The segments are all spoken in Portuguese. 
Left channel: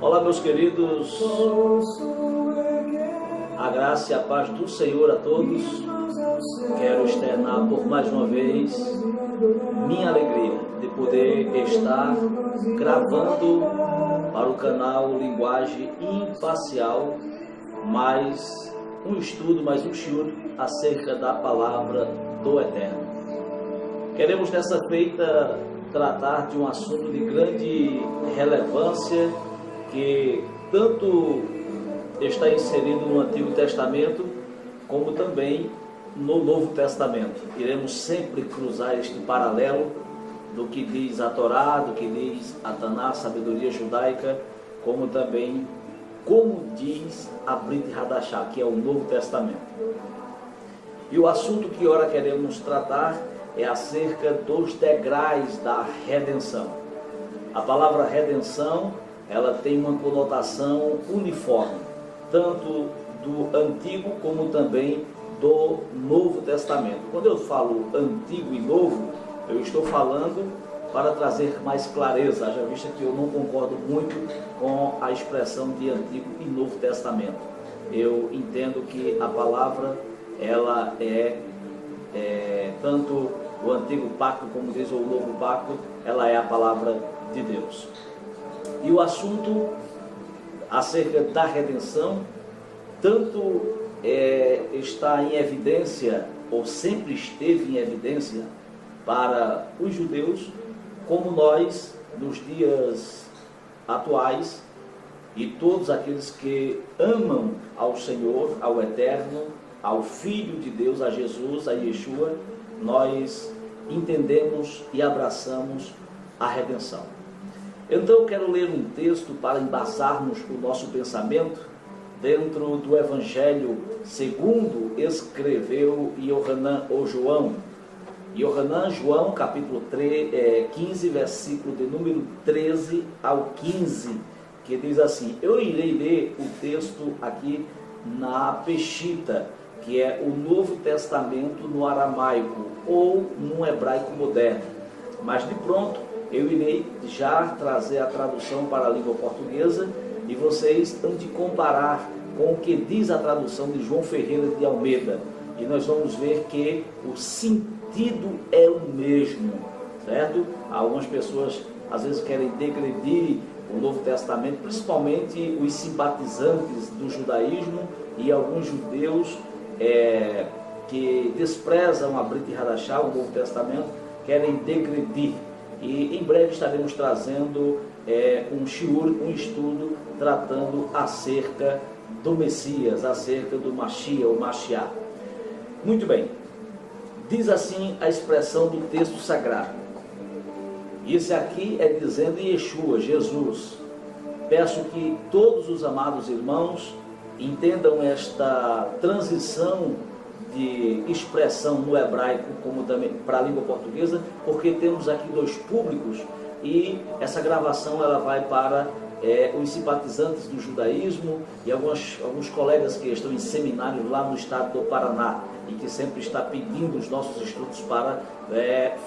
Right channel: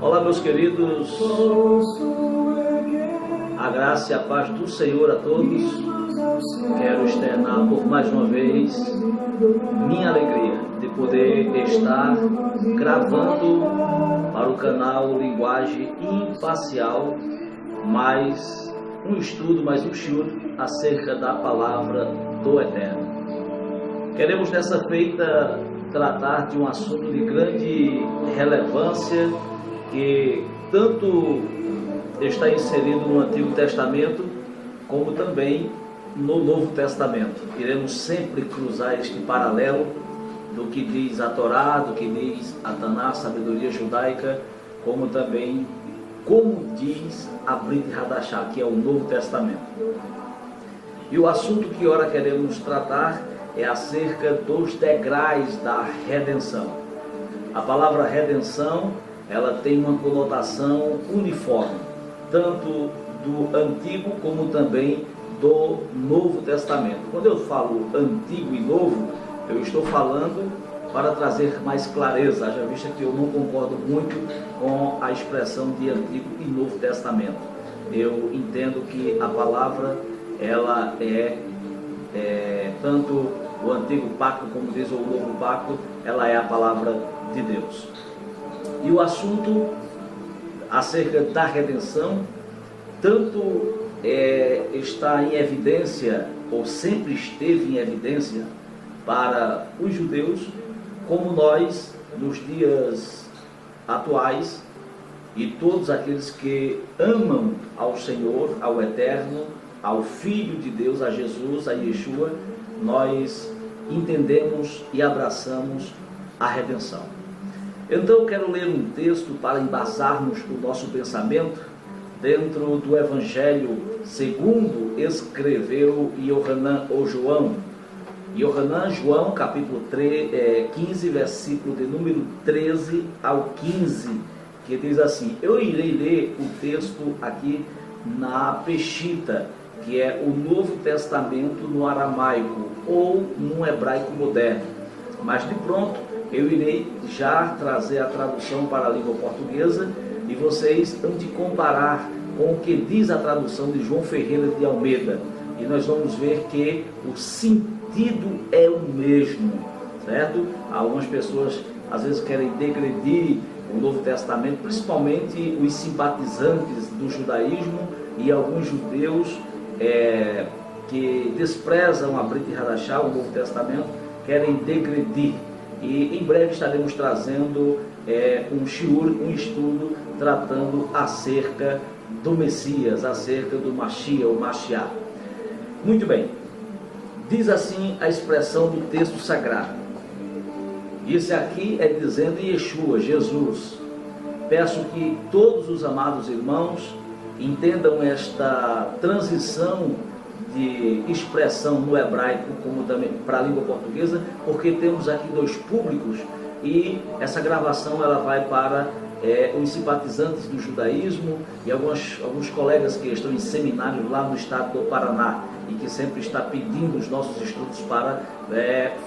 Olá, meus queridos, a graça e a paz do Senhor a todos. Quero externar por mais uma vez minha alegria de poder estar gravando para o canal Linguagem Imparcial mais um estudo, mais um shiur acerca da palavra do Eterno. Queremos nessa feita tratar de um assunto de grande relevância que tanto está inserido no Antigo Testamento como também no Novo Testamento. Iremos sempre cruzar este paralelo do que diz a Torá, do que diz a Taná, a sabedoria judaica, como também como diz a Brit Hadashah, que é o Novo Testamento. E o assunto que ora queremos tratar é acerca dos degraus da redenção. A palavra redenção, ela tem uma conotação uniforme, tanto do Antigo como também do Novo Testamento. Quando eu falo Antigo e Novo, eu estou falando para trazer mais clareza, haja vista que eu não concordo muito com a expressão de Antigo e Novo Testamento. Eu entendo que a palavra, ela é tanto o Antigo Pacto, como diz o Novo Pacto, ela é a palavra de Deus. E o assunto acerca da redenção, tanto está em evidência, ou sempre esteve em evidência, para os judeus, como nós, nos dias atuais, e todos aqueles que amam ao Senhor, ao Eterno, ao Filho de Deus, a Jesus, a Yeshua, nós entendemos e abraçamos a redenção. Então eu quero ler um texto para embasarmos o nosso pensamento dentro do Evangelho segundo escreveu Yohanan ou João. Yohanan, João, capítulo 15, versículo de número 13 ao 15, que diz assim: eu irei ler o texto aqui na Peshita, que é o Novo Testamento no aramaico ou no hebraico moderno. Mas de pronto eu irei já trazer a tradução para a língua portuguesa e vocês vão de comparar com o que diz a tradução de João Ferreira de Almeida. E nós vamos ver que o sentido é o mesmo, certo? Algumas pessoas às vezes querem degredir o Novo Testamento, principalmente os simpatizantes do judaísmo e alguns judeus que desprezam a Brit Hadashah, o Novo Testamento, querem degredir. E em breve estaremos trazendo um shiur, um estudo tratando acerca do Messias, acerca do Mashiach, ou Mashiach. Muito bem, diz assim a expressão do texto sagrado. Isso aqui é dizendo Yeshua, Jesus. Peço que todos os amados irmãos entendam esta transição de expressão no hebraico como também para a língua portuguesa, porque temos aqui dois públicos e essa gravação ela vai para os simpatizantes do judaísmo e alguns colegas que estão em seminário lá no estado do Paraná e que sempre está pedindo os nossos estudos para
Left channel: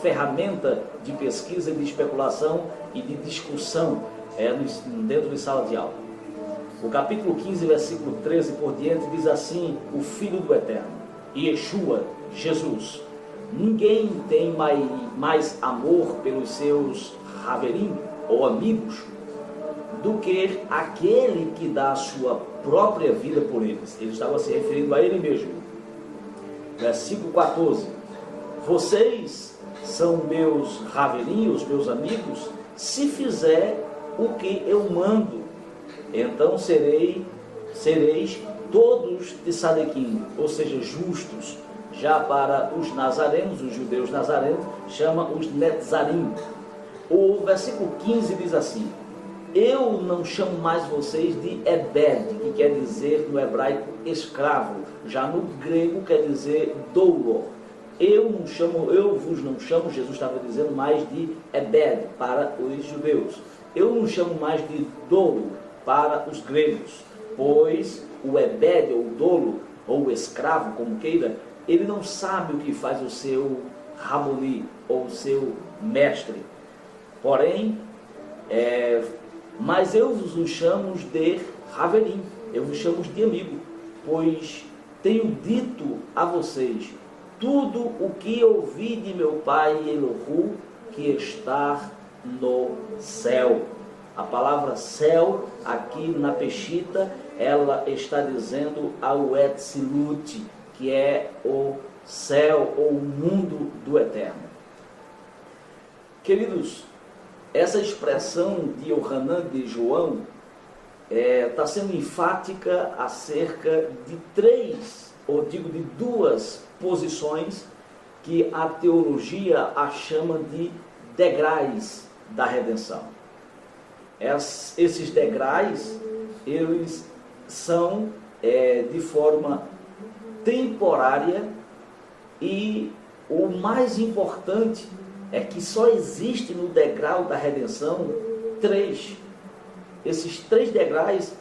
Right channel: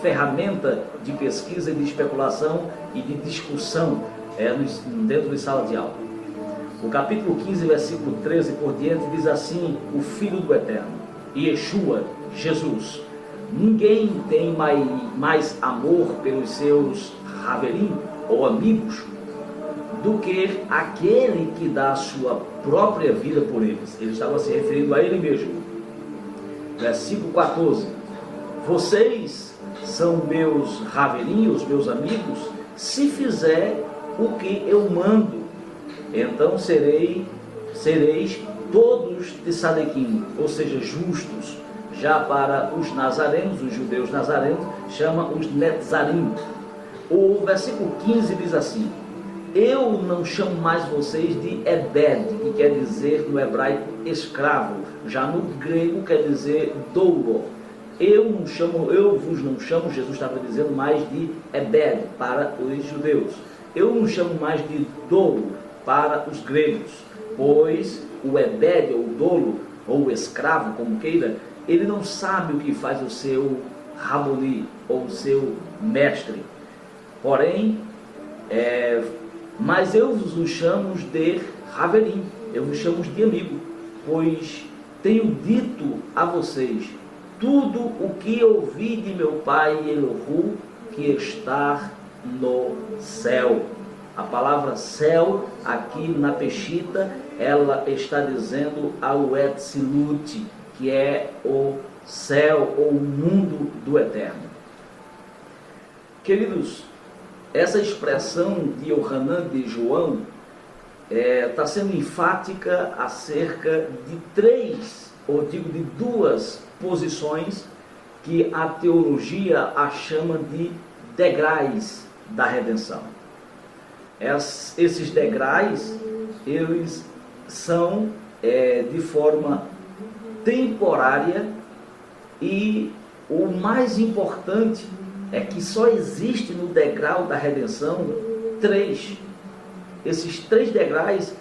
ferramenta de pesquisa e de especulação e de discussão dentro de sala de aula. O capítulo 15, versículo 13 por diante diz assim: o Filho do Eterno, Yeshua, Jesus. Ninguém tem mais amor pelos seus Haverim, ou amigos, do que aquele que dá a sua própria vida por eles. Ele estava se referindo a ele mesmo. Versículo 14: vocês são meus Haverim, os meus amigos, se fizer o que eu mando, então sereis todos de Sadequim, ou seja, justos. Já para os nazarenos, os judeus nazarenos, chama os Netzarim. O versículo 15 diz assim: eu não chamo mais vocês de Ebed, que quer dizer no hebraico escravo, já no grego quer dizer doulo. Eu vos não chamo, Jesus estava dizendo, mais de Ebed para os judeus. Eu não chamo mais de doulo para os gregos, pois o Ebed, ou o dolo, ou o escravo, como queira, ele não sabe o que faz o seu Raboni, ou o seu mestre. Porém, Mas eu vos chamo de Haverim, eu vos chamo de amigo, pois tenho dito a vocês tudo o que ouvi de meu Pai Elohu, que está no céu. A palavra céu, aqui na Peshita, ela está dizendo ao Etzilut, que é o céu ou o mundo do eterno. Queridos, essa expressão de Yohanan, de João, está sendo enfática acerca de de duas posições que a teologia a chama de degraus da redenção. Esses degraus, eles são de forma temporária, e o mais importante é que só existe no degrau da redenção três. Esses três degraus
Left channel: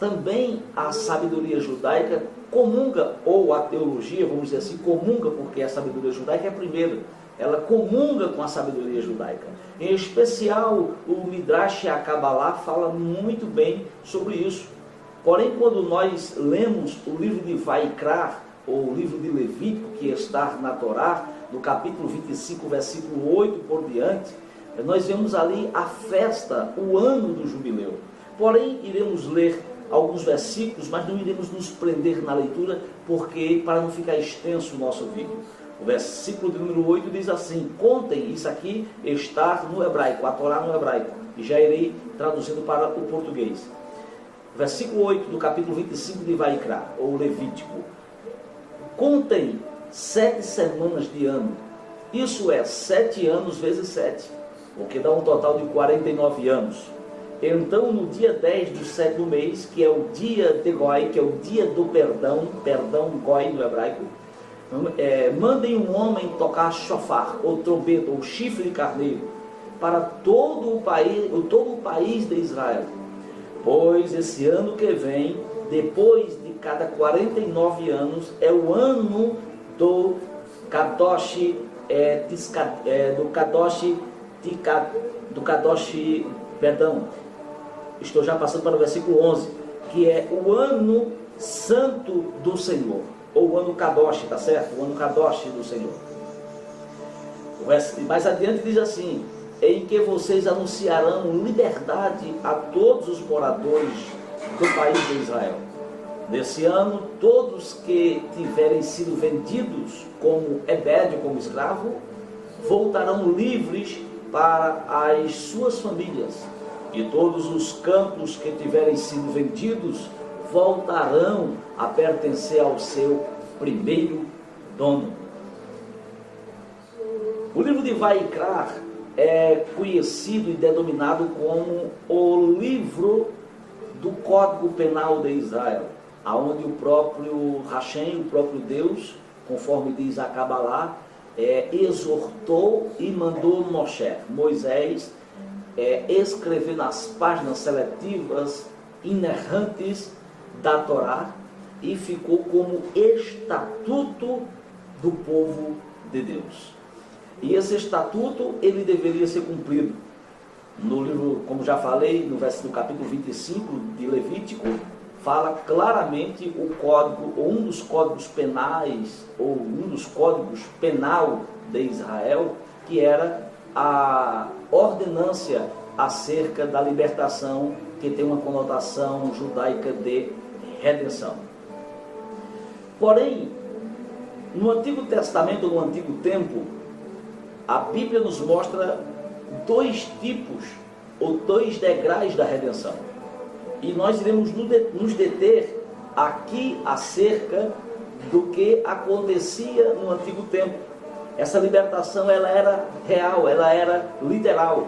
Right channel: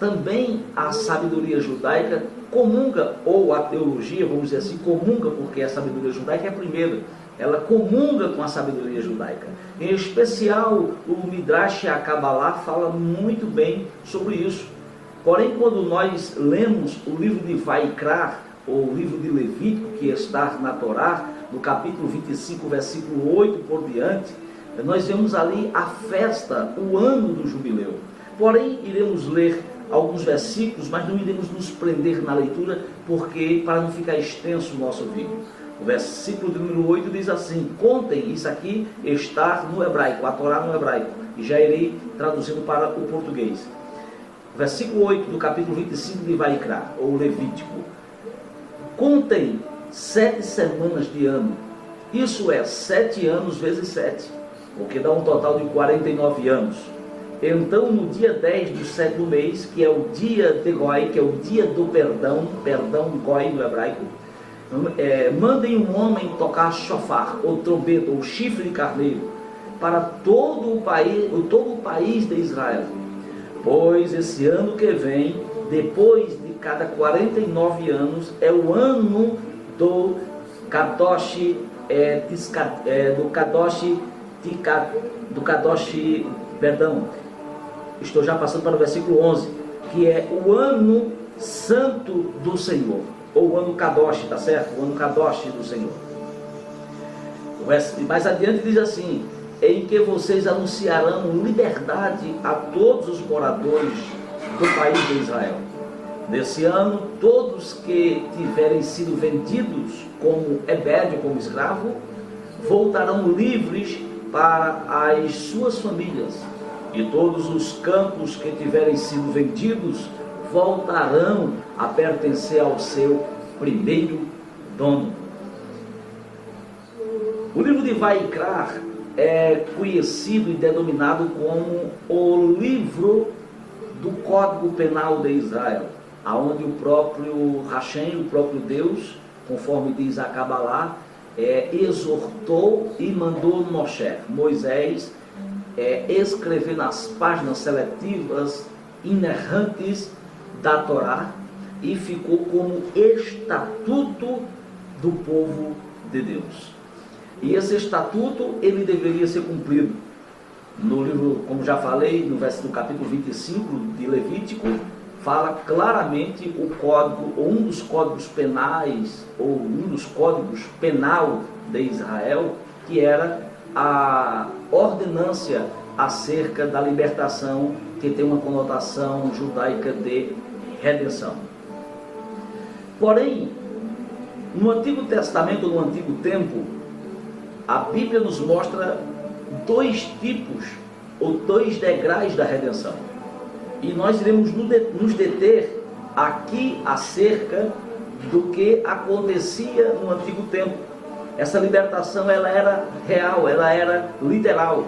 também a sabedoria judaica comunga, ou a teologia, vamos dizer assim, comunga, porque a sabedoria judaica é a primeira. Ela comunga com a sabedoria judaica. Em especial, o Midrash e a Kabbalah fala muito bem sobre isso. Porém, quando nós lemos o livro de Vaikra, ou o livro de Levítico, que está na Torá, no capítulo 25, versículo 8 por diante, nós vemos ali a festa, o ano do jubileu. Porém, iremos ler alguns versículos, mas não iremos nos prender na leitura, porque para não ficar extenso o nosso vídeo. O versículo de número 8 diz assim: contem, isso aqui está no hebraico, a Torá no hebraico, e já irei traduzindo para o português. Versículo 8 do capítulo 25 de Vaikra, ou Levítico: contem 7 semanas de ano, isso é 7 anos vezes 7, o que dá um total de 49 anos. Então, no dia 10 do 7º mês, que é o dia de Goi, que é o dia do perdão Goi no hebraico, mandem um homem tocar shofar, ou trombeta, ou chifre de carneiro, para todo o país de Israel. Pois esse ano que vem, depois de cada 49 anos, é o ano do Kadosh, estou já passando para o versículo 11, que é o ano santo do Senhor, ou o ano Kadosh, tá certo? O ano Kadosh do Senhor. Mais adiante diz assim: em que vocês anunciarão liberdade a todos os moradores do país de Israel. Nesse ano, todos que tiverem sido vendidos como ebed, como escravo, voltarão livres para as suas famílias, e todos os campos que tiverem sido vendidos voltarão a pertencer ao seu primeiro dono. O livro de Vaikra é conhecido e denominado como o livro do Código Penal de Israel, aonde o próprio Hashem, o próprio Deus, conforme diz a Kabbalah, exortou e mandou Moisés escrever nas páginas seletivas inerrantes da Torá, e ficou como estatuto do povo de Deus. E esse estatuto, ele deveria ser cumprido. No livro, como já falei, no capítulo 25 de Levítico, fala claramente o código, ou um dos códigos penais, ou um dos códigos penal de Israel, que era a ordenância acerca da libertação, que tem uma conotação judaica de redenção. Porém, no Antigo Testamento, no Antigo Tempo, a Bíblia nos mostra dois tipos, ou dois degraus da redenção. E nós iremos nos deter aqui acerca do que acontecia no Antigo Tempo. Essa libertação, ela era real, ela era literal.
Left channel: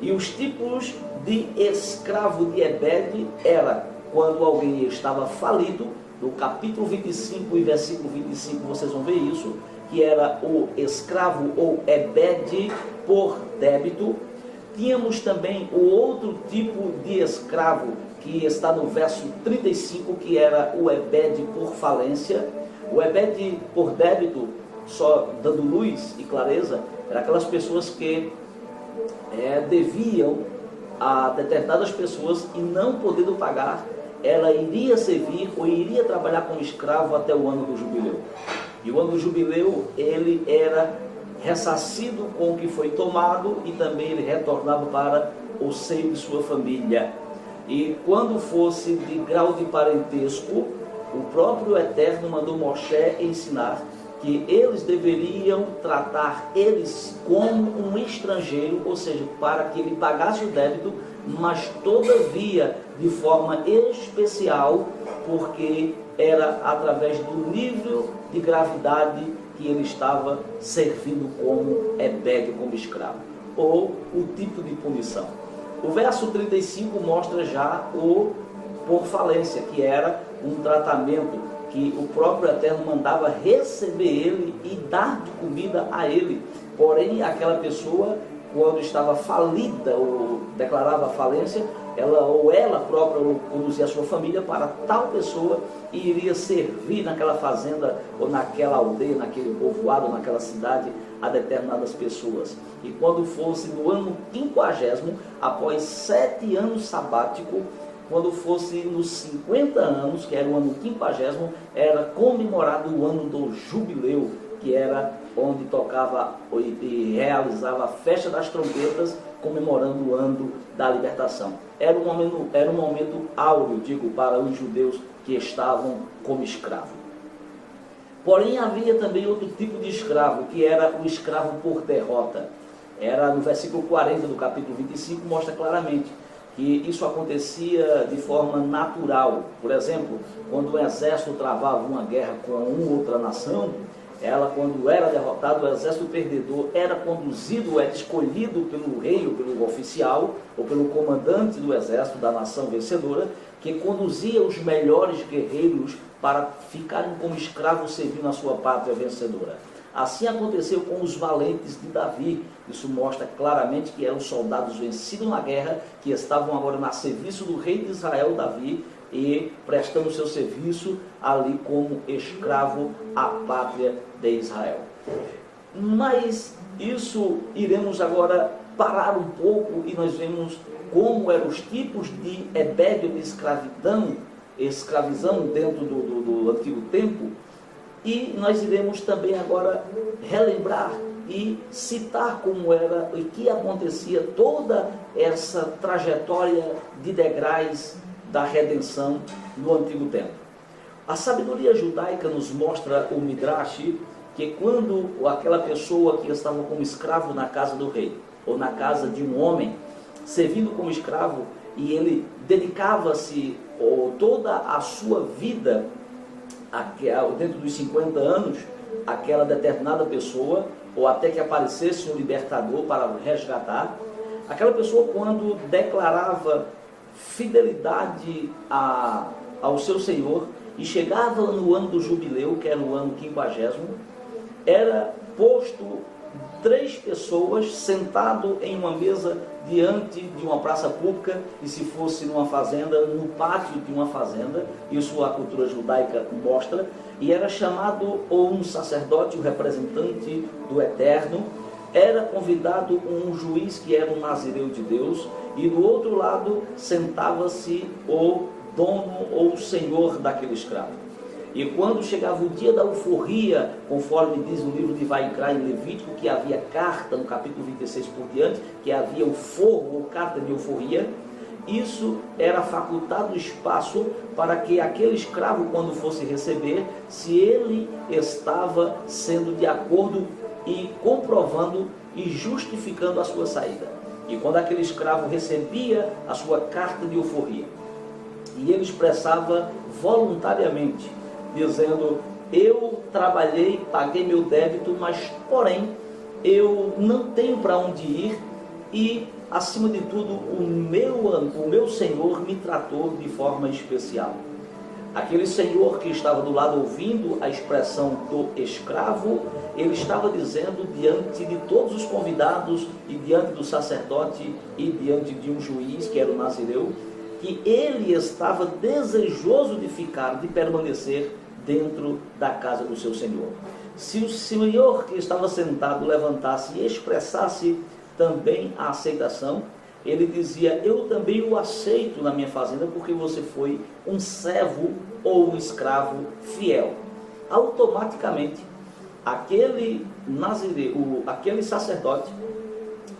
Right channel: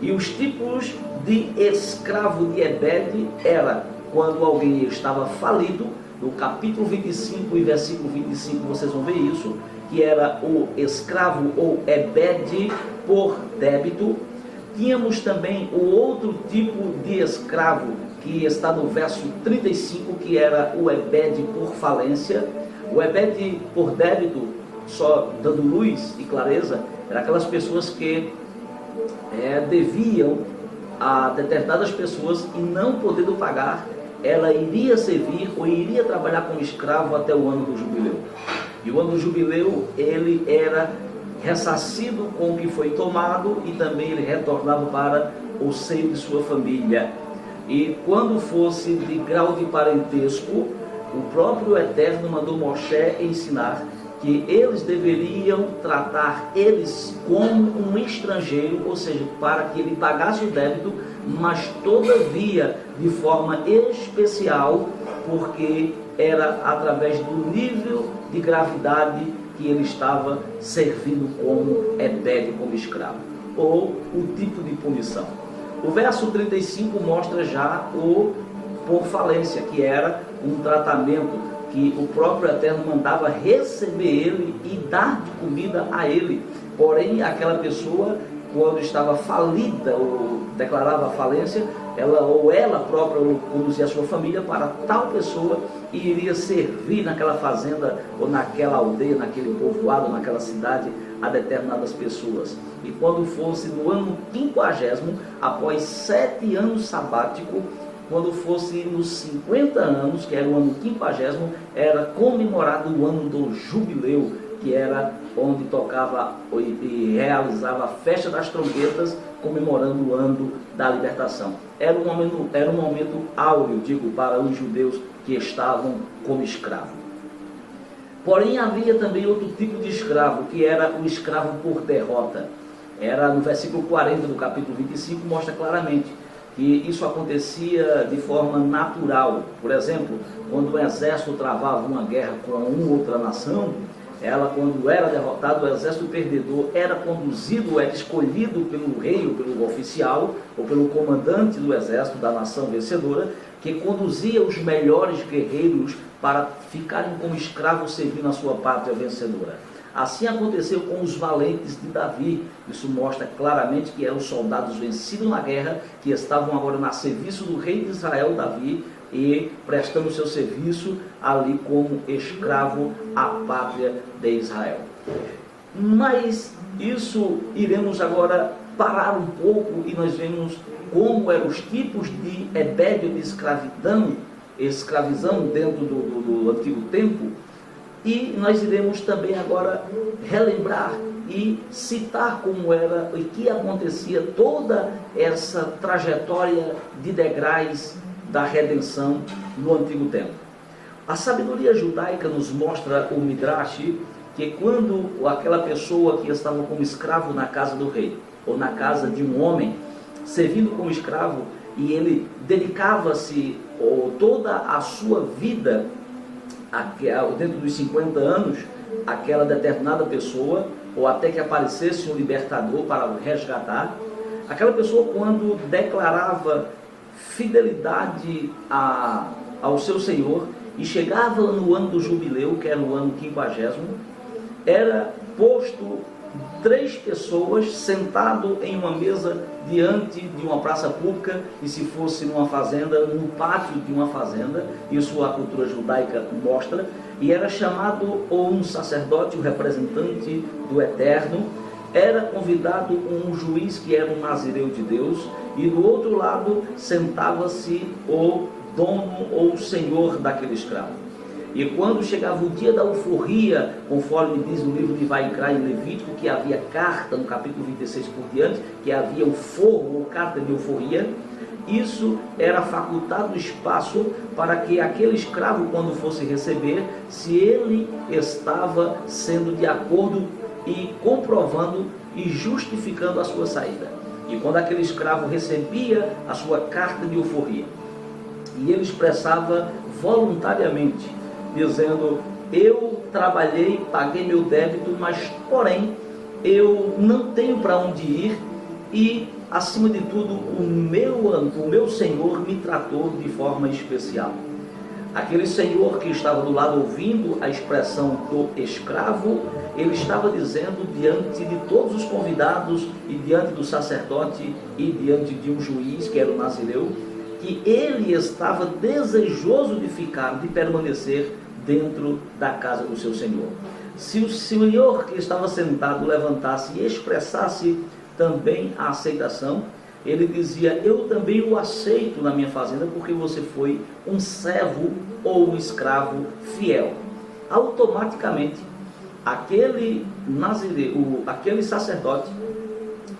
E os tipos de escravo de ebed era quando alguém estava falido. No capítulo 25 e versículo 25 vocês vão ver isso, que era o escravo ou ebed por débito. Tínhamos também o outro tipo de escravo, que está no verso 35, que era o ebed por falência. O ebed por débito, só dando luz e clareza, eram aquelas pessoas que deviam a determinadas pessoas e não podendo pagar, ela iria servir ou iria trabalhar como escravo até o ano do jubileu. E o ano do jubileu, ele era ressarcido com o que foi tomado e também ele retornava para o seio de sua família. E quando fosse de grau de parentesco, o próprio Eterno mandou Moshe ensinar que eles deveriam tratar eles como um estrangeiro, ou seja, para que ele pagasse o débito, mas todavia de forma especial, porque era através do nível de gravidade que ele estava servindo como ebed, como escravo, ou o tipo de punição. O verso 35 mostra já o por falência, que era um tratamento que o próprio Eterno mandava receber ele e dar de comida a ele. Porém, aquela pessoa, quando estava falida ou declarava falência, ela própria conduzia a sua família para tal pessoa e iria servir naquela fazenda ou naquela aldeia, naquele povoado, naquela cidade, a determinadas pessoas. E quando fosse no ano 50º, após 7 anos sabático, quando fosse nos 50 anos, que era o ano 50º, era comemorado o ano do jubileu, que era onde tocava e realizava a festa das trombetas, comemorando o ano da libertação. Era um momento áureo, digo, para os judeus que estavam como escravos. Porém, havia também outro tipo de escravo, que era o escravo por derrota. Era no versículo 40 do capítulo 25, mostra claramente que isso acontecia de forma natural. Por exemplo, quando o exército travava uma guerra com uma outra nação, quando era derrotado, o exército perdedor era conduzido, era escolhido pelo rei, ou pelo oficial, ou pelo comandante do exército da nação vencedora, que conduzia os melhores guerreiros para ficarem como escravos servindo a sua pátria vencedora. Assim aconteceu com os valentes de Davi. Isso mostra claramente que eram soldados vencidos na guerra, que estavam agora a serviço do rei de Israel, Davi, e prestando seu serviço ali como escravo à pátria de Israel. Mas isso iremos agora parar um pouco e nós vemos como eram os tipos de ebed, de escravizão dentro do antigo tempo. E nós iremos também agora relembrar e citar como era e que acontecia toda essa trajetória de degraus da redenção no antigo tempo. A sabedoria judaica nos mostra o Midrash que quando aquela pessoa que estava como escravo na casa do rei ou na casa de um homem, servindo como escravo, e ele dedicava-se toda a sua vida dentro dos 50 anos, aquela determinada pessoa, ou até que aparecesse um libertador para o resgatar, aquela pessoa, quando declarava fidelidade ao seu Senhor e chegava no ano do jubileu, que era o ano 50º, era posto 3 pessoas sentado em uma mesa diante de uma praça pública, e se fosse numa fazenda, no pátio de uma fazenda, isso a cultura judaica mostra, e era chamado ou um sacerdote, o representante do Eterno, era convidado um juiz que era um nazireu de Deus, e do outro lado sentava-se o dono ou o senhor daquele escravo. E quando chegava o dia da euforia, conforme diz no livro de Vaikra em Levítico, que havia carta, no capítulo 26 por diante, que havia o fogo ou carta de euforia, isso era facultado espaço para que aquele escravo, quando fosse receber, se ele estava sendo de acordo e comprovando e justificando a sua saída. E quando aquele escravo recebia a sua carta de euforia, e ele expressava voluntariamente, dizendo: eu trabalhei, paguei meu débito, mas porém eu não tenho para onde ir, e acima de tudo o meu Senhor me tratou de forma especial. Aquele senhor que estava do lado ouvindo a expressão do escravo, ele estava dizendo diante de todos os convidados e diante do sacerdote e diante de um juiz que era o nazireu, que ele estava desejoso de ficar, de permanecer dentro da casa do seu Senhor. Se o Senhor que estava sentado levantasse e expressasse também a aceitação, ele dizia: eu também o aceito na minha fazenda, porque você foi um servo ou um escravo fiel. Automaticamente, aquele sacerdote,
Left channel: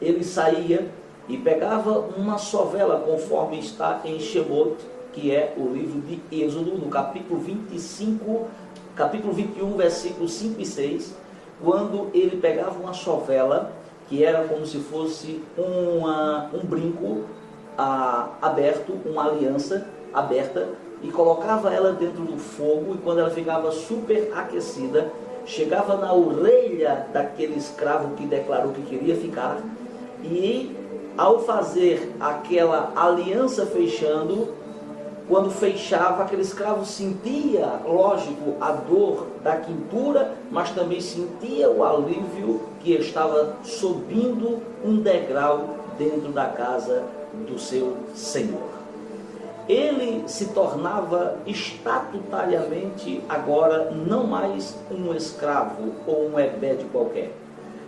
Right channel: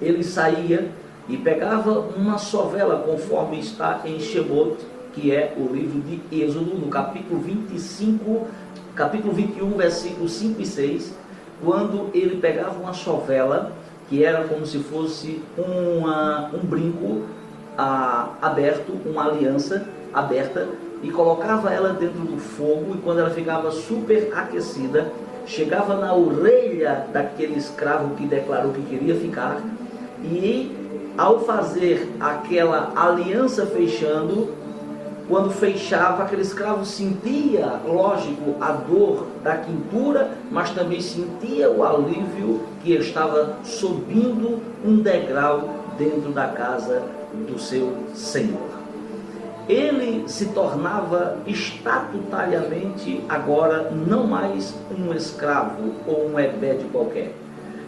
ele saía e pegava uma sovela, conforme está em Shemot, que é o livro de Êxodo, no capítulo 25, capítulo 21, versículos 5 e 6, quando ele pegava uma sovela, que era como se fosse um brinco aberto, uma aliança aberta, e colocava ela dentro do fogo, e quando ela ficava super aquecida, chegava na orelha daquele escravo que declarou que queria ficar, e ao fazer aquela aliança fechando, quando fechava, aquele escravo sentia, lógico, a dor da quintura, mas também sentia o alívio que estava subindo um degrau dentro da casa do seu Senhor. Ele se tornava estatutariamente agora não mais um escravo ou um ebede qualquer.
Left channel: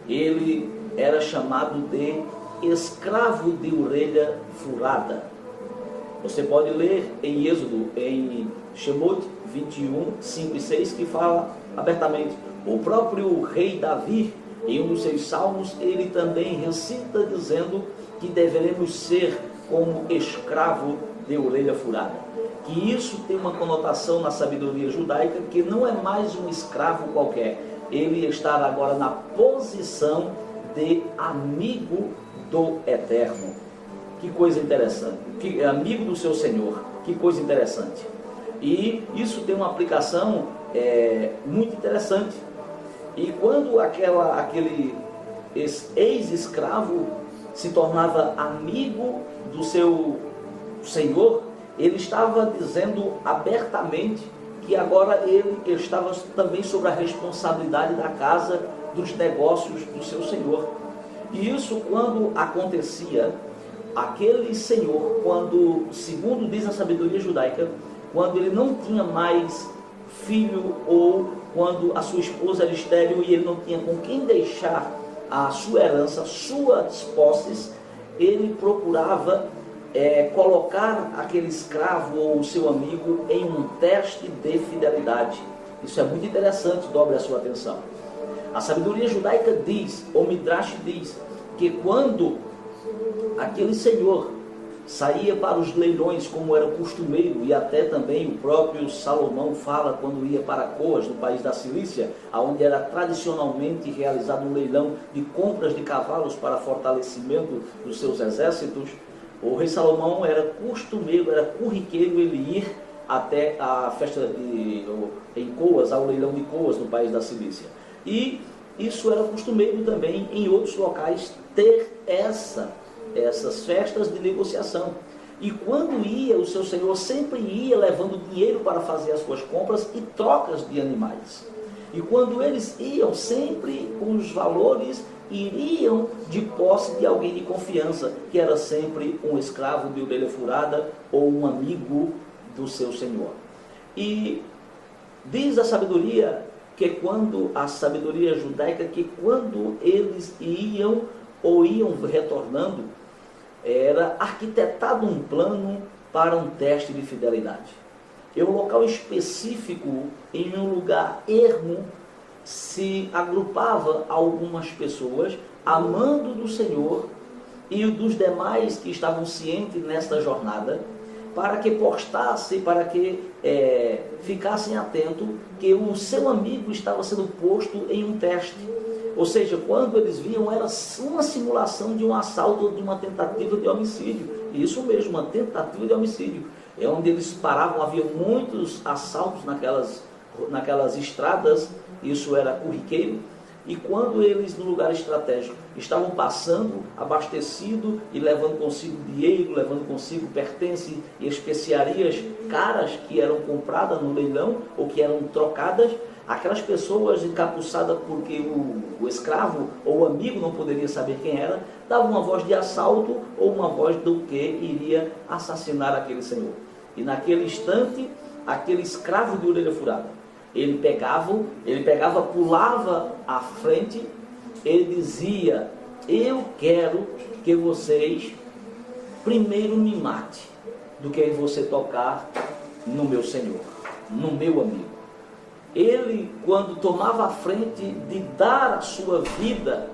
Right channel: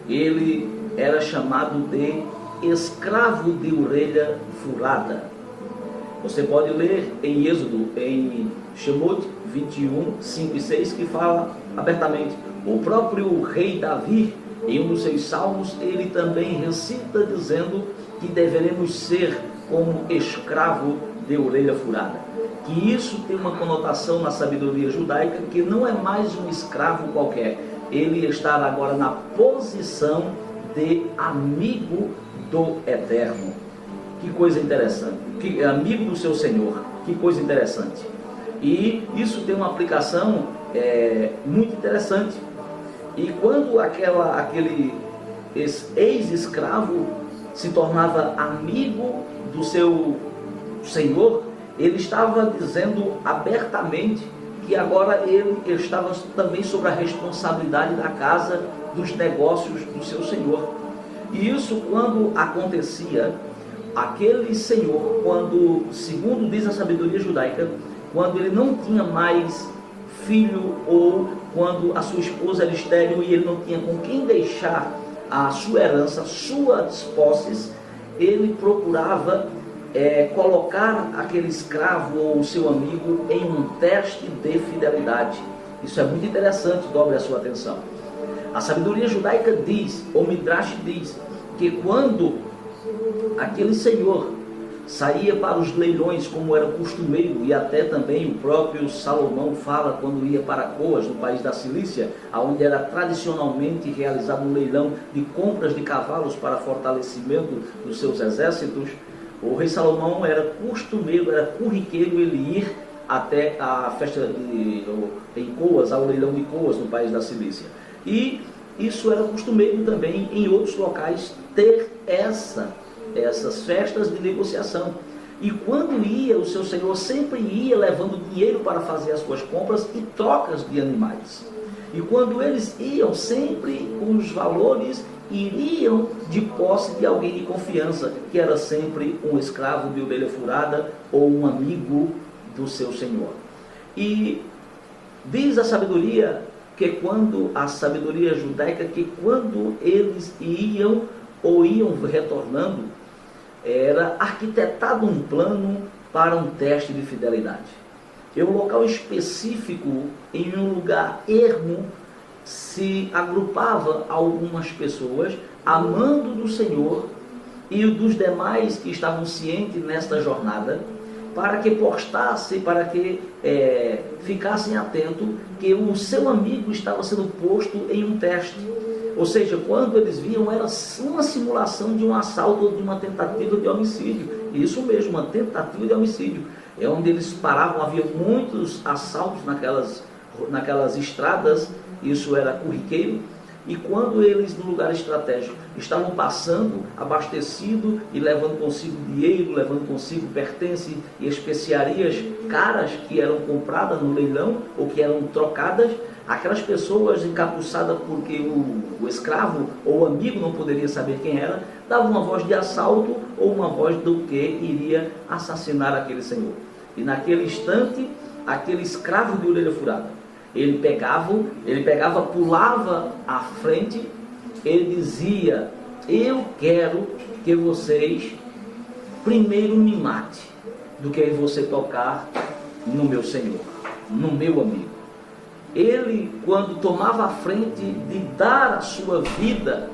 Ele era chamado de escravo de orelha furada. Você pode ler em Êxodo, em Shemot 21, 5 e 6, que fala abertamente. O próprio rei Davi, em um dos seus salmos, ele também recita dizendo que deveremos ser como escravo de orelha furada. Que isso tem uma conotação na sabedoria judaica, que não é mais um escravo qualquer. Ele está agora na posição de amigo do Eterno. Que coisa interessante. Que amigo do seu Senhor. Que coisa interessante. E isso tem uma aplicação muito interessante. E quando aquele ex-escravo se tornava amigo do seu Senhor, ele estava dizendo abertamente que agora ele estava também sob a responsabilidade da casa, dos negócios do seu Senhor. E isso, quando acontecia, aquele senhor, quando, segundo diz a sabedoria judaica, quando ele não tinha mais filho, ou quando a sua esposa era estéril e ele não tinha com quem deixar a sua herança, suas posses, ele procurava colocar aquele escravo ou o seu amigo em um teste de fidelidade. Isso é muito interessante, dobre a sua atenção. A sabedoria judaica diz, ou Midrash diz, que quando aquele senhor saía para os leilões, como era costumeiro, e até também o próprio Salomão fala quando ia para Coas, no país da Cilícia, onde era tradicionalmente realizado um leilão de compras de cavalos para fortalecimento dos seus exércitos. O rei Salomão era costumeiro, era corriqueiro ele ir até a festa em Coas, ao leilão de Coas, no país da Cilícia. E isso era costumeiro também em outros locais ter essas festas de negociação. E quando ia, o seu senhor sempre ia levando dinheiro para fazer as suas compras e trocas de animais. E quando eles iam, sempre os valores iriam de posse de alguém de confiança, que era sempre um escravo de orelha furada ou um amigo do seu senhor. E diz a sabedoria a sabedoria judaica, que quando eles iam ou iam retornando, era arquitetado um plano para um teste de fidelidade. Em um local específico, em um lugar ermo, se agrupava algumas pessoas, amando do Senhor e dos demais que estavam cientes nesta jornada, para que postassem, para que ficassem atentos que o seu amigo estava sendo posto em um teste. Ou seja, quando eles viam, era uma simulação de um assalto ou de uma tentativa de homicídio. Isso mesmo, uma tentativa de homicídio. É onde eles paravam, havia muitos assaltos naquelas estradas, isso era corriqueiro. E quando eles, no lugar estratégico, estavam passando, abastecido e levando consigo dinheiro, levando consigo pertences e especiarias caras que eram compradas no leilão ou que eram trocadas, aquelas pessoas encapuçadas porque o escravo ou o amigo não poderia saber quem era, davam uma voz de assalto ou uma voz do que iria assassinar aquele senhor. E naquele instante, aquele escravo de orelha furada, ele pegava, pulava à frente, ele dizia: eu quero que vocês primeiro me mate do que você tocar no meu Senhor, no meu amigo. Ele, quando tomava a frente de dar a sua vida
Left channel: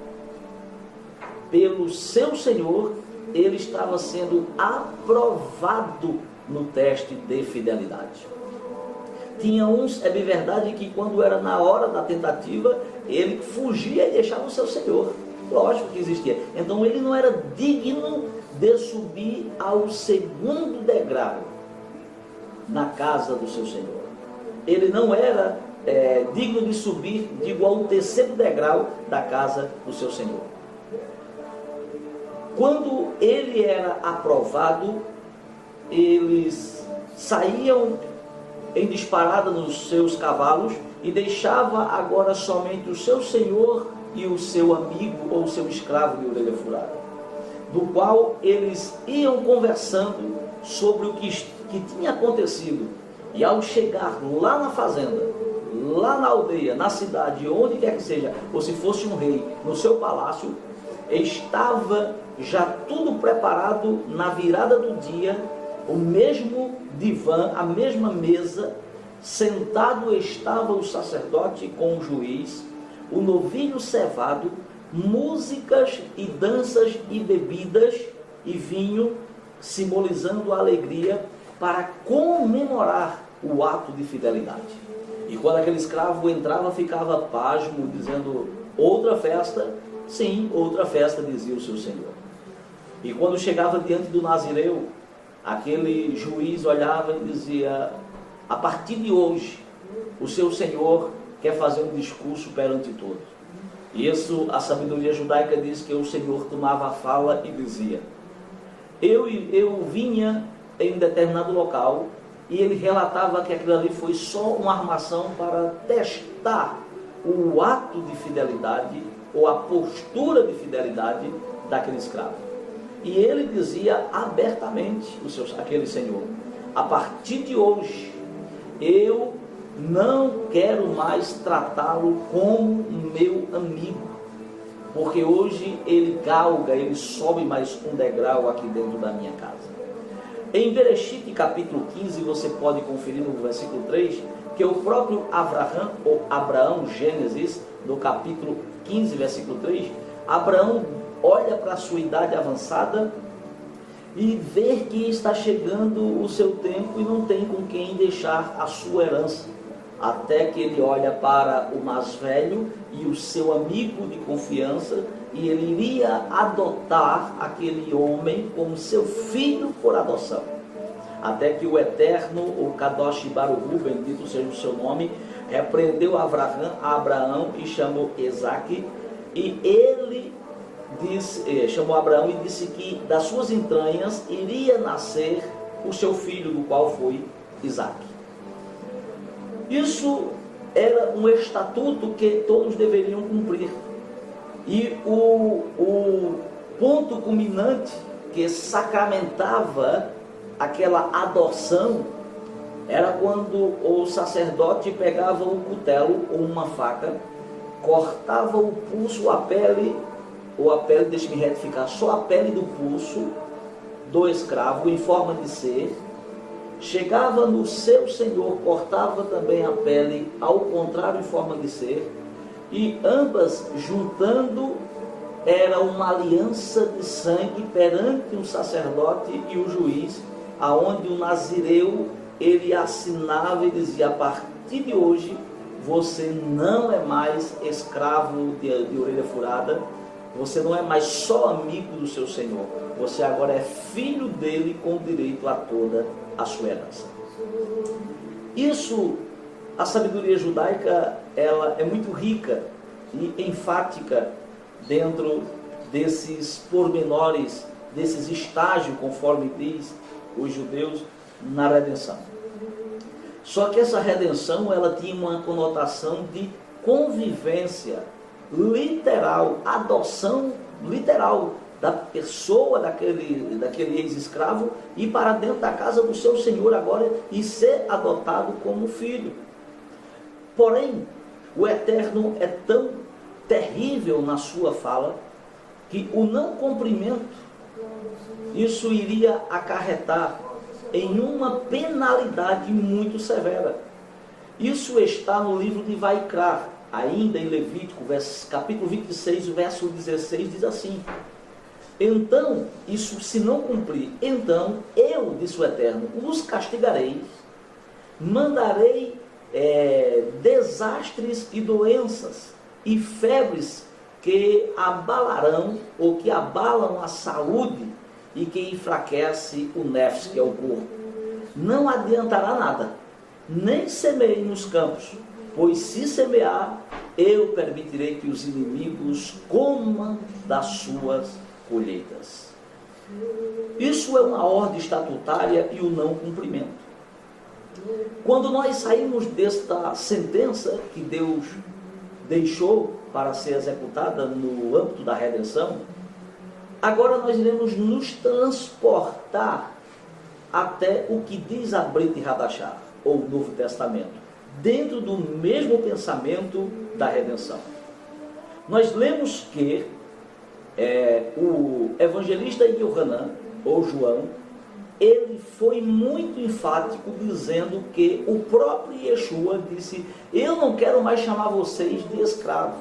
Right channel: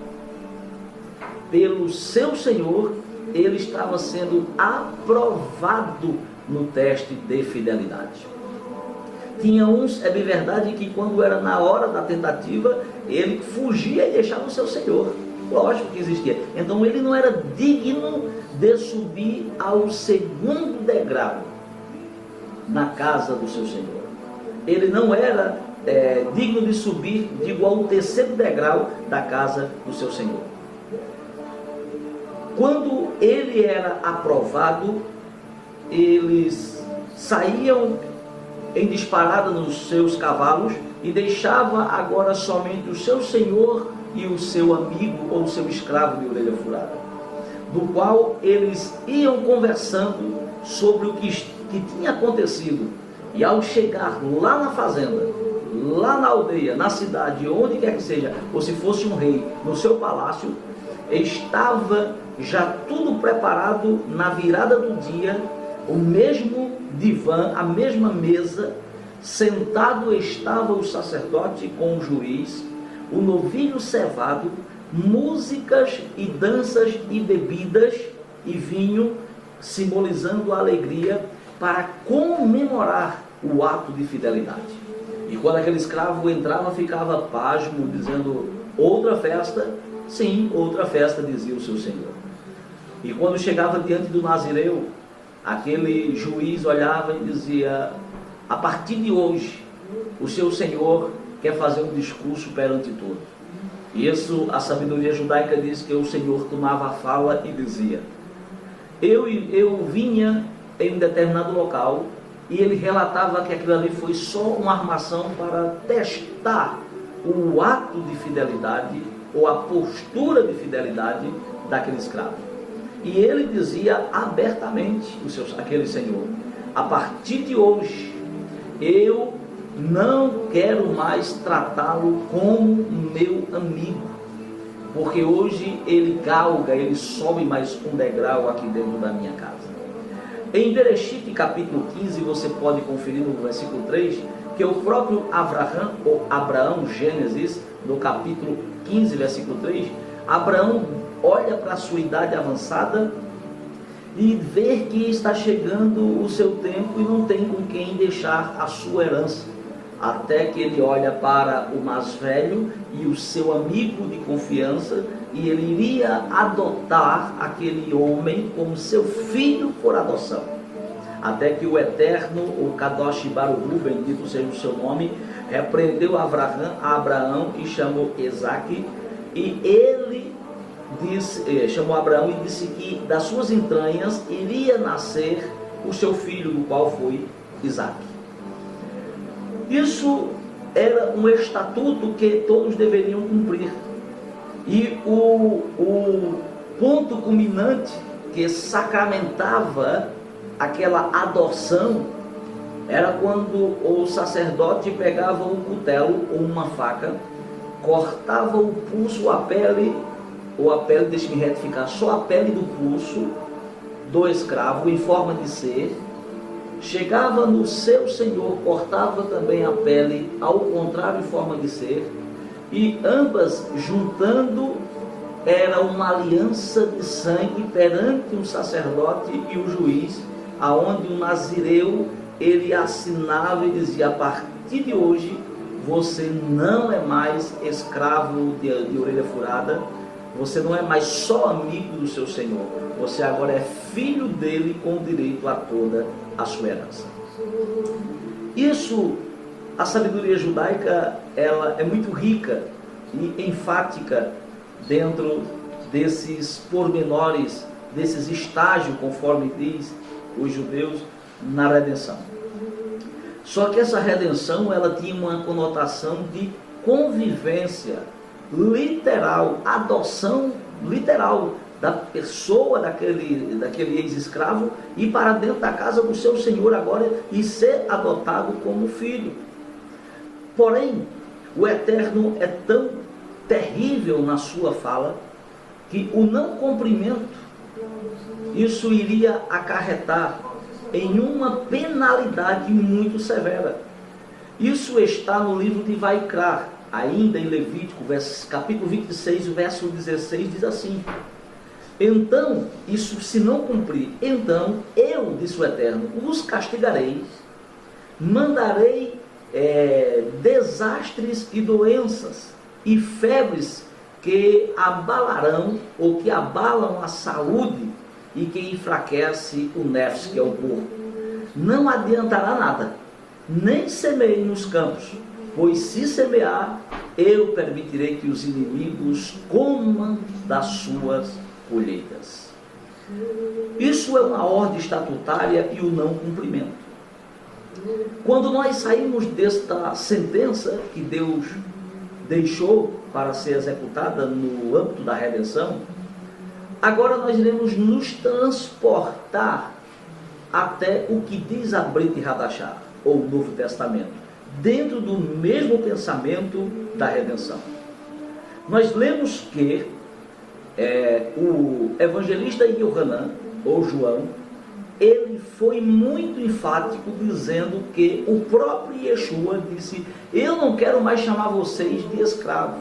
pelo seu Senhor, ele estava sendo aprovado no teste de fidelidade. Tinha uns, é bem verdade, que quando era na hora da tentativa, ele fugia e deixava o seu Senhor. Lógico que existia. Então ele não era digno de subir ao segundo degrau na casa do seu Senhor. Ele não era digno de subir, digo, ao terceiro degrau da casa do seu Senhor. Quando ele era aprovado, eles saíam em disparada nos seus cavalos e deixava agora somente o seu senhor e o seu amigo ou o seu escravo de orelha furada, do qual eles iam conversando sobre o que tinha acontecido. E ao chegar lá na fazenda, lá na aldeia, na cidade, onde quer que seja, ou se fosse um rei, no seu palácio, estava já tudo preparado na virada do dia, o mesmo divã, a mesma mesa, sentado estava o sacerdote com o juiz, o novilho cevado, músicas e danças e bebidas e vinho, simbolizando a alegria para comemorar o ato de fidelidade. E quando aquele escravo entrava, ficava pasmo, dizendo: outra festa? Sim, outra festa, dizia o seu senhor. E quando chegava diante do nazireu, aquele juiz olhava e dizia: a partir de hoje, o seu senhor quer fazer um discurso perante todos. E isso, a sabedoria judaica diz que o Senhor tomava a fala e dizia: eu vinha em um determinado local, e ele relatava que aquilo ali foi só uma armação para testar o ato de fidelidade ou a postura de fidelidade daquele escravo. E ele dizia abertamente, aquele senhor: a partir de hoje, eu não quero mais tratá-lo como meu amigo, porque hoje ele galga, ele sobe mais um degrau aqui dentro da minha casa. Em Bereshit, capítulo 15, você pode conferir no versículo 3, que o próprio Abraão, Gênesis, no capítulo 15, versículo 3, Abraão olha para a sua idade avançada e vê que está chegando o seu tempo e não tem com quem deixar a sua herança. Até que ele olha para o mais velho e o seu amigo de confiança, e ele iria adotar aquele homem como seu filho por adoção. Até que o Eterno, o Kadosh Baruch Hu, bendito seja o seu nome, repreendeu a Abraão e chamou Isaque, e ele chamou Abraão e disse que das suas entranhas iria nascer o seu filho, do qual foi Isaque. Isso era um estatuto que todos deveriam cumprir. E o ponto culminante que sacramentava aquela adoção era quando o sacerdote pegava um cutelo ou uma faca, cortava o pulso, a pele, deixe-me retificar, só a pele do pulso do escravo em forma de ser, chegava no seu senhor, cortava também a pele ao contrário em forma de ser, e ambas juntando era uma aliança de sangue perante o sacerdote e o juiz, aonde o nazireu ele assinava e dizia: a partir de hoje você não é mais escravo de orelha furada, você não é mais só amigo do seu senhor, você agora é filho dele com direito a toda a sua herança. Isso, a sabedoria judaica, ela é muito rica e enfática dentro desses pormenores, desses estágios, conforme diz os judeus, na redenção. Só que essa redenção, ela tinha uma conotação de convivência literal, adoção literal da pessoa, daquele ex-escravo, ir para dentro da casa do seu senhor agora e ser adotado como filho. Porém, o Eterno é tão terrível na sua fala que o não cumprimento isso iria acarretar em uma penalidade muito severa. Isso está no livro de Vaikra, ainda em Levítico, capítulo 26, verso 16, diz assim: então, isso se não cumprir, então eu, disse o Eterno, os castigarei, mandarei desastres e doenças e febres que abalarão ou que abalam a saúde e que enfraquece o nefs, que é o corpo. Não adiantará nada, nem semeie nos campos, pois se semear, eu permitirei que os inimigos comam das suas colheitas. Isso é uma ordem estatutária e o não cumprimento. Quando nós saímos desta sentença que Deus deixou para ser executada no âmbito da redenção, agora nós iremos nos transportar até o que diz a Brit Hadashah, ou o Novo Testamento, dentro do mesmo pensamento da redenção. Nós lemos que o evangelista Yohanan, ou João, ele foi muito enfático dizendo que o próprio Yeshua disse: eu não quero mais chamar vocês de escravos,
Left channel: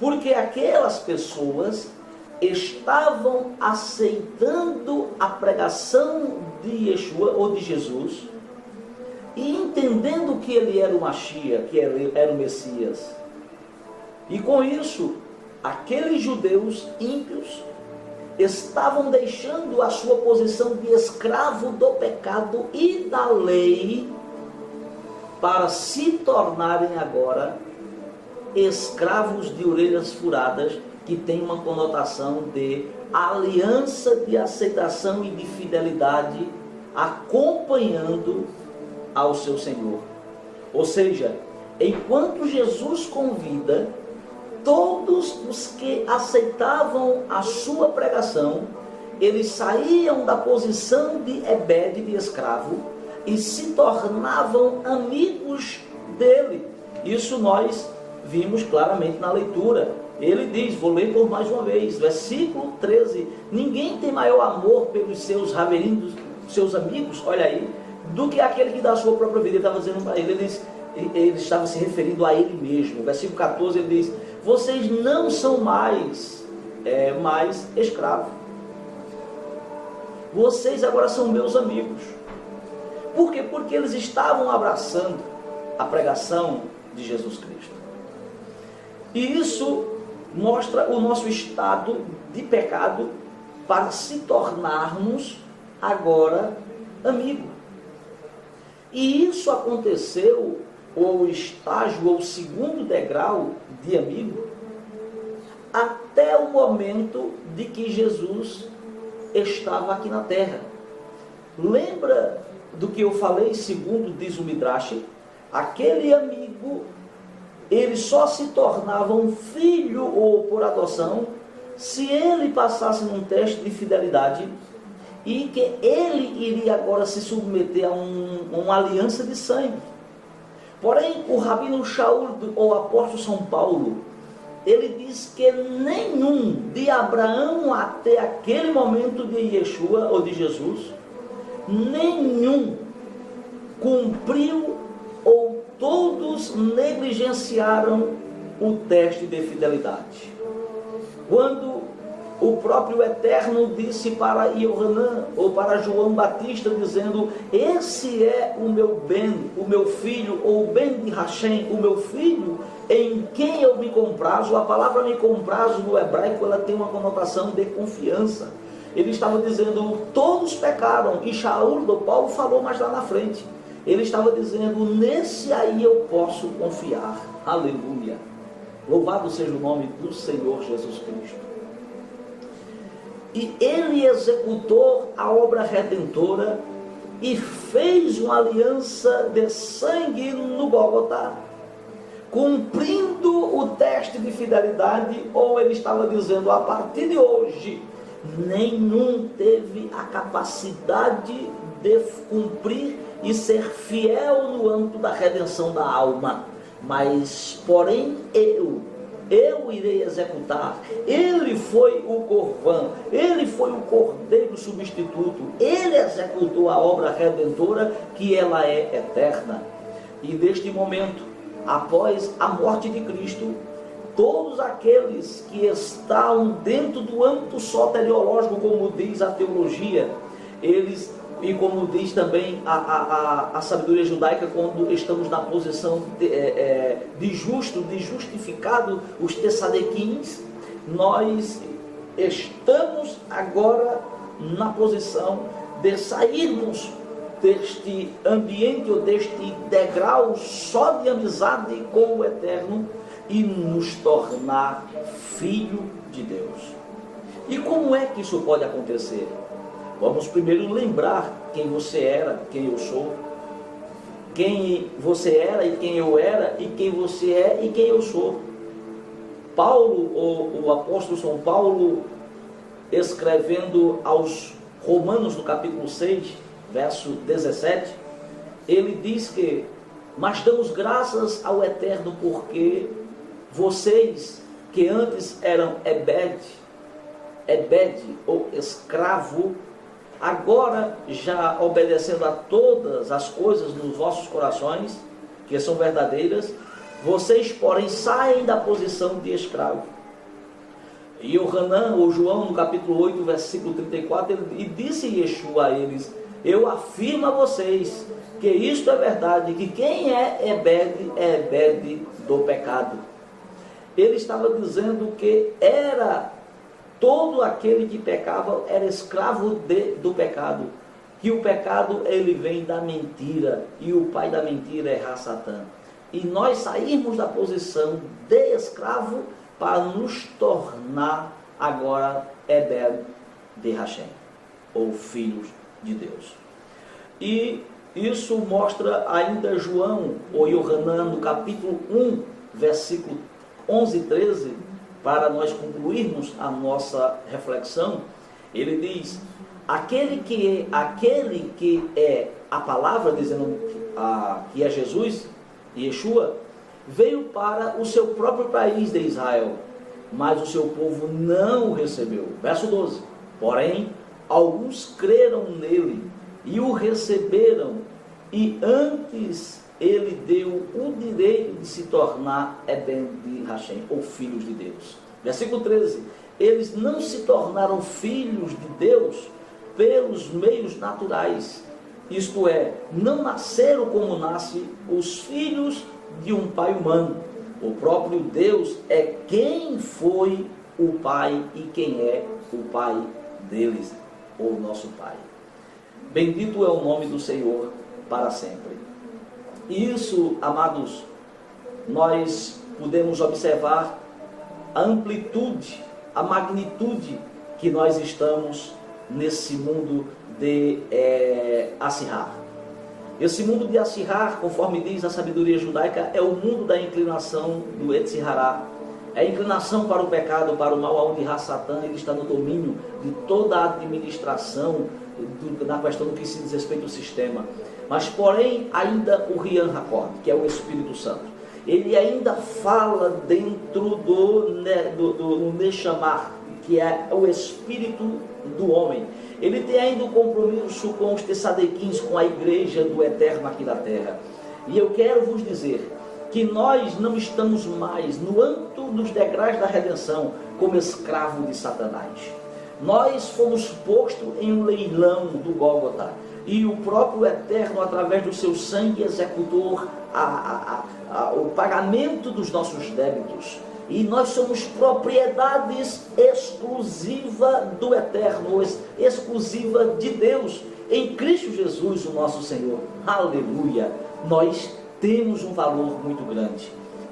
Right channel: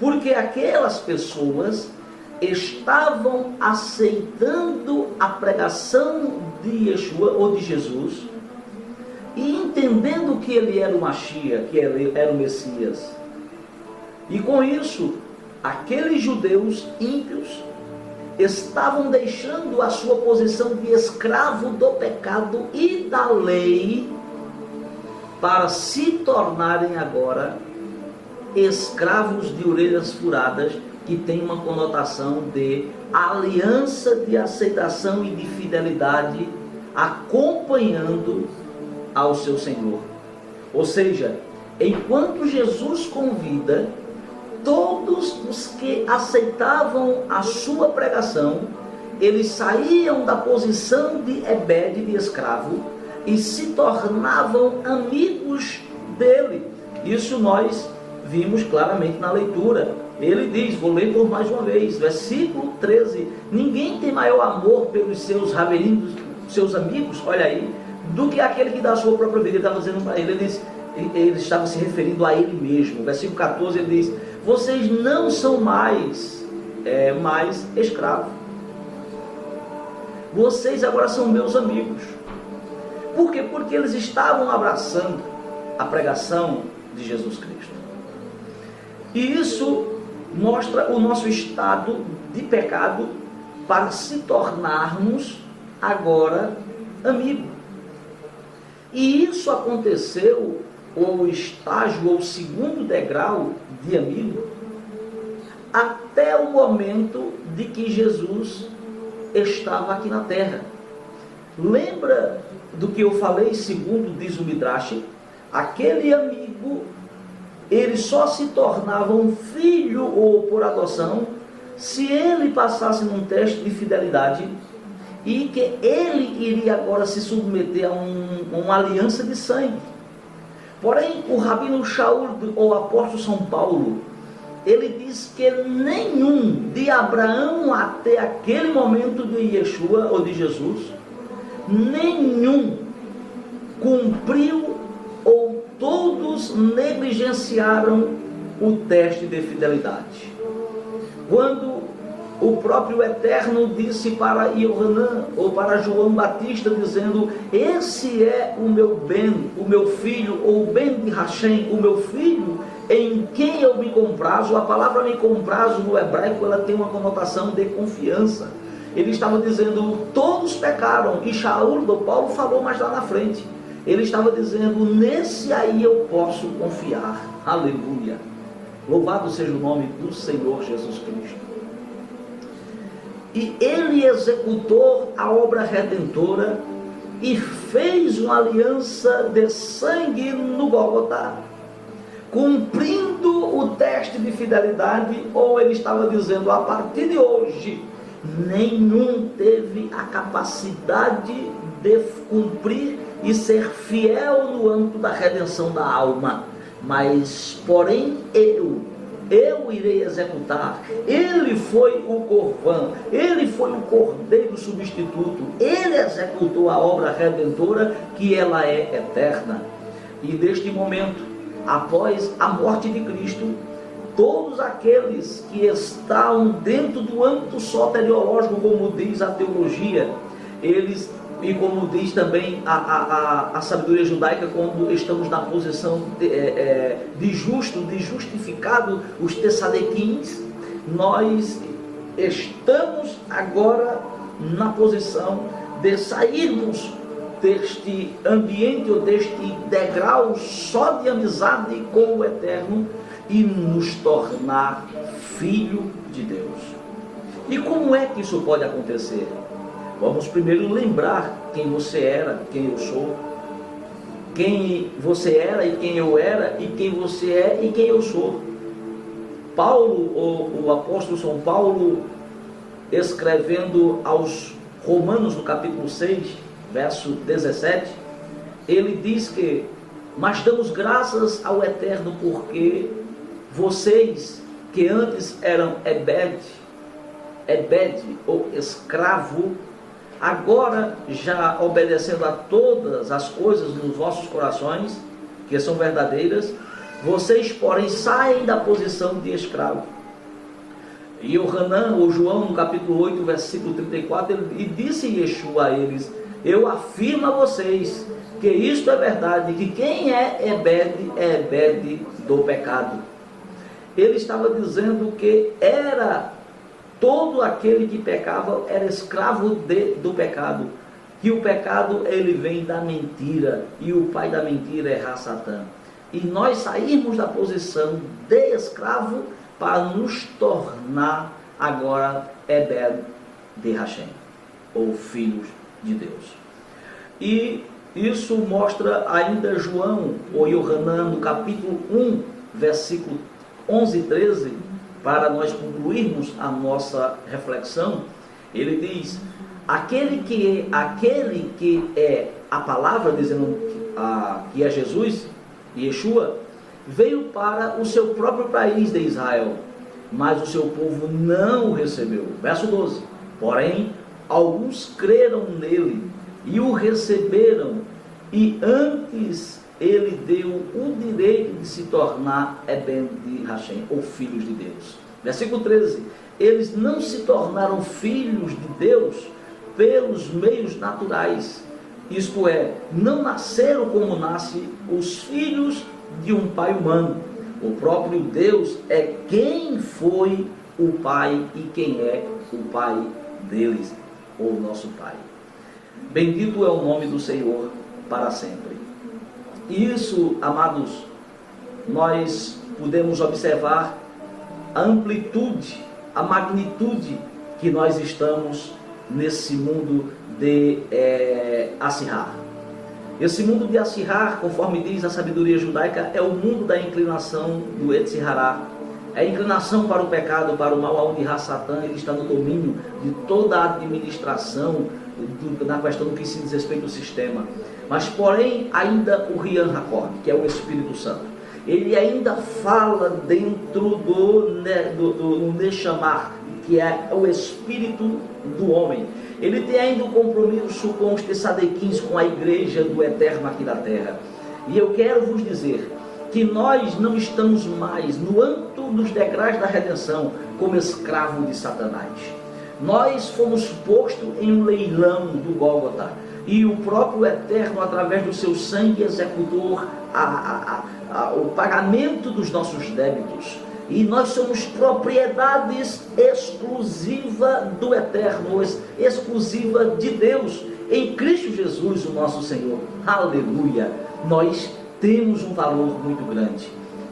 porque aquelas pessoas estavam aceitando a pregação de Yeshua ou de Jesus e entendendo que ele era o Mashiach, que ele era o Messias. E com isso, aqueles judeus ímpios estavam deixando a sua posição de escravo do pecado e da lei para se tornarem agora escravos de orelhas furadas, que tem uma conotação de aliança de aceitação e de fidelidade acompanhando ao seu Senhor. Ou seja, enquanto Jesus convida todos os que aceitavam a sua pregação, eles saíam da posição de Ebed, de escravo, e se tornavam amigos dele. Isso nós vimos claramente na leitura. Ele diz, vou ler por mais uma vez, versículo 13: ninguém tem maior amor pelos seus raverinhos, seus amigos, olha aí, do que aquele que dá a sua própria vida. Ele estava dizendo para ele estava se referindo a ele mesmo. Versículo 14, ele diz: vocês não são mais escravos, vocês agora são meus amigos. Por quê? Porque eles estavam abraçando a pregação de Jesus Cristo. E isso mostra o nosso estado de pecado para se tornarmos agora amigos. E isso aconteceu, ou o estágio, ou o segundo degrau de amigo, até o momento de que Jesus estava aqui na terra. Lembra do que eu falei, segundo diz o Midrash? Aquele amigo, ele só se tornava um filho ou por adoção se ele passasse num teste de fidelidade e que ele iria agora se submeter a uma aliança de sangue. Porém, o Rabino Shaul, ou apóstolo São Paulo, ele diz que nenhum de Abraão até aquele momento de Yeshua ou de Jesus, nenhum cumpriu, ou todos negligenciaram o teste de fidelidade. Quando o próprio Eterno disse para Yohanan, ou para João Batista, dizendo: esse é o meu bem, o meu filho, ou o bem de Hashem, o meu filho, em quem eu me comprazo. A palavra me comprazo no hebraico, ela tem uma conotação de confiança. Ele estava dizendo: todos pecaram, e Shaul, do Paulo, falou mais lá na frente. Ele estava dizendo: nesse aí eu posso confiar. Aleluia! Louvado seja o nome do Senhor Jesus Cristo. E ele executou a obra redentora e fez uma aliança de sangue no Gólgota, cumprindo o teste de fidelidade. Ou ele estava dizendo: a partir de hoje, nenhum teve a capacidade de cumprir e ser fiel no âmbito da redenção da alma, mas porém eu, eu irei executar. Ele foi o Corvã, ele foi o Cordeiro substituto, ele executou a obra redentora, que ela é eterna. E neste momento, após a morte de Cristo, todos aqueles que estão dentro do âmbito soteriológico, como diz a teologia, eles, e como diz também a sabedoria judaica, quando estamos na posição de justo, de justificado, os tessadequins, nós estamos agora na posição de sairmos deste ambiente ou deste degrau só de amizade com o Eterno e nos tornar filho de Deus. E como é que isso pode acontecer? Vamos primeiro lembrar quem você era, quem eu sou. Quem você era e quem eu era, e quem você é e quem eu sou. Paulo, o apóstolo São Paulo, escrevendo aos Romanos, no capítulo 6, verso 17, ele diz que: mas damos graças ao Eterno, porque vocês que antes eram ebed ou escravo, agora já obedecendo a todas as coisas nos vossos corações, que são verdadeiras, vocês, porém, saem da posição de escravo. E o Hanan, ou João, no capítulo 8, versículo 34, e disse Yeshua a eles: eu afirmo a vocês que isto é verdade, que quem é ebed do pecado. Ele estava dizendo que era todo aquele que pecava, era escravo do pecado. Que o pecado, ele vem da mentira, e o pai da mentira é Satã. E nós saímos da posição de escravo para nos tornar agora ebed de Hashem, ou filhos de Deus. E isso mostra ainda João, ou Yohanan, no capítulo 1, versículo 11 e 13, para nós concluirmos a nossa reflexão. Ele diz: aquele que é a palavra, dizendo que é Jesus, Yeshua, veio para o seu próprio país de Israel, mas o seu povo não o recebeu. Verso 12: porém, alguns creram nele e o receberam, e antes ele deu o direito de se tornar ebed de Hashem, ou filhos de Deus. Versículo 13: eles não se tornaram filhos de Deus pelos meios naturais, isto é, não nasceram como nascem os filhos de um pai humano. O próprio Deus é quem foi o pai e quem é o pai deles, ou nosso pai. Bendito é o nome do Senhor para sempre. Isso, amados, nós podemos observar a amplitude, a magnitude que nós estamos nesse mundo de Assirrar. Esse mundo de Assirrar, conforme diz a sabedoria judaica, é o mundo da inclinação do Etzirará. É a inclinação para o pecado, para o mal, onde Satã ele está no domínio de toda a administração na questão do que se diz respeito ao sistema. Mas, porém, ainda o Rian Hakor, que é o Espírito Santo, ele ainda fala dentro do Neshamar, que é o espírito do homem. Ele tem ainda um compromisso com os Tessadequins, com a igreja do Eterno aqui na terra. E eu quero vos dizer que nós não estamos mais no âmbito dos degraus da redenção como escravo de Satanás. Nós fomos postos em um leilão do Gólgota, e o próprio Eterno, através do seu sangue, executou o pagamento dos nossos débitos. E nós somos propriedades exclusiva do Eterno, exclusiva de Deus, em Cristo Jesus, o nosso Senhor. Aleluia! Nós temos um valor muito grande.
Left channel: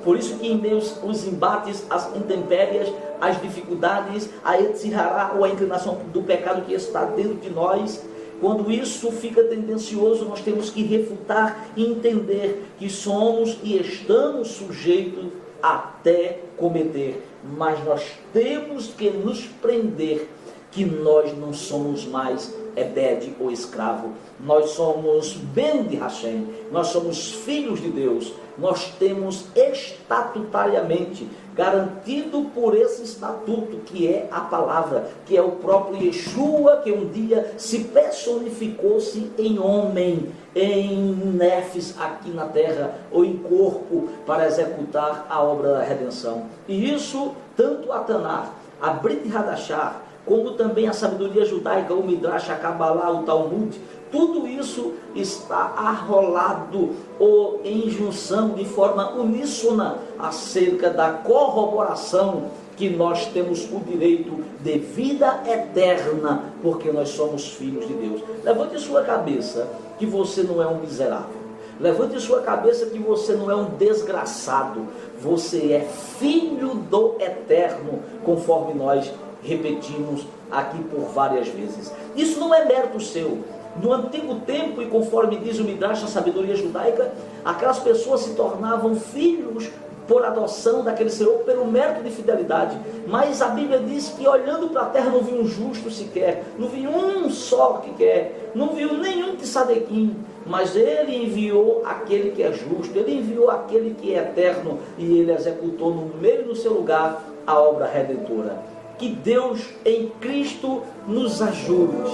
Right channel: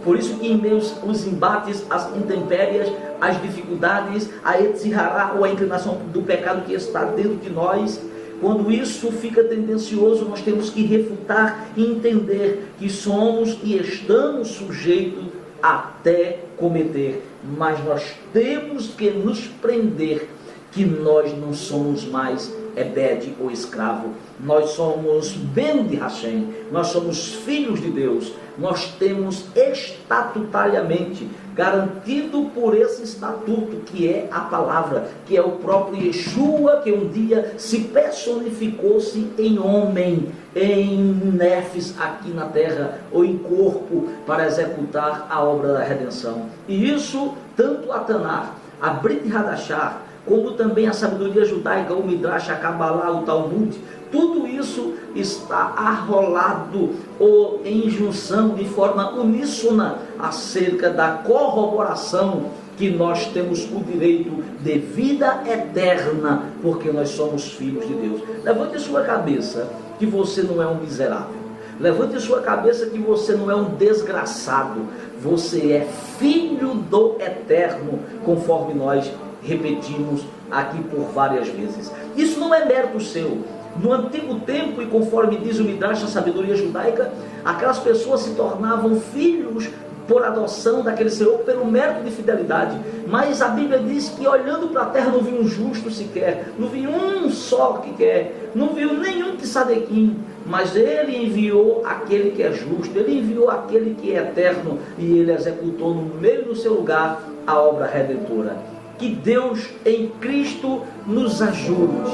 Por isso que em meio aos embates, as intempéries, as dificuldades, a etzirará, ou a inclinação do pecado que está dentro de nós, quando isso fica tendencioso, nós temos que refutar e entender que somos e estamos sujeitos até cometer, mas nós temos que nos prender que nós não somos mais ebed ou escravo, nós somos ben de Hashem, nós somos filhos de Deus, nós temos estatutariamente garantido por esse estatuto que é a palavra, que é o próprio Yeshua, que um dia se personificou-se em homem, em nefes aqui na terra, ou em corpo, para executar a obra da redenção. E isso, tanto a Tanar, a Brit Hadashah, como também a sabedoria judaica, o Midrash, a Kabbalah, o Talmud, tudo isso está arrolado ou em junção de forma uníssona acerca da corroboração que nós temos o direito de vida eterna, porque nós somos filhos de Deus. Levante sua cabeça que você não é um miserável. Levante sua cabeça que você não é um desgraçado. Você é filho do Eterno, conforme nós repetimos aqui por várias vezes. Isso não é mérito seu. No antigo tempo, e conforme diz o Midrash, a sabedoria judaica, aquelas pessoas se tornavam filhos por adoção daquele Senhor, pelo mérito de fidelidade. Mas a Bíblia diz que olhando para a terra não viu um justo sequer, não viu um só que quer, não viu nenhum tzadekim, mas ele enviou aquele que é justo, ele enviou aquele que é eterno, e ele executou no meio do seu lugar a obra redentora. Que Deus em Cristo nos ajude,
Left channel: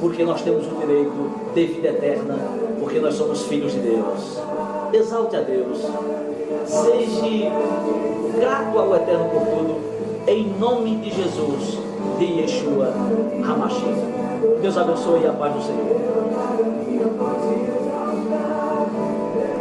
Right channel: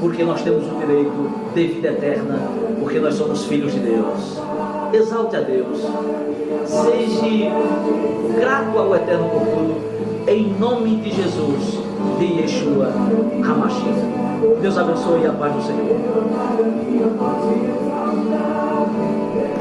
porque nós temos o direito de vida eterna, porque nós somos filhos de Deus. Exalte a Deus, seja grato ao Eterno por tudo, em nome de Jesus, de Yeshua HaMashiach. Deus abençoe e a paz do Senhor.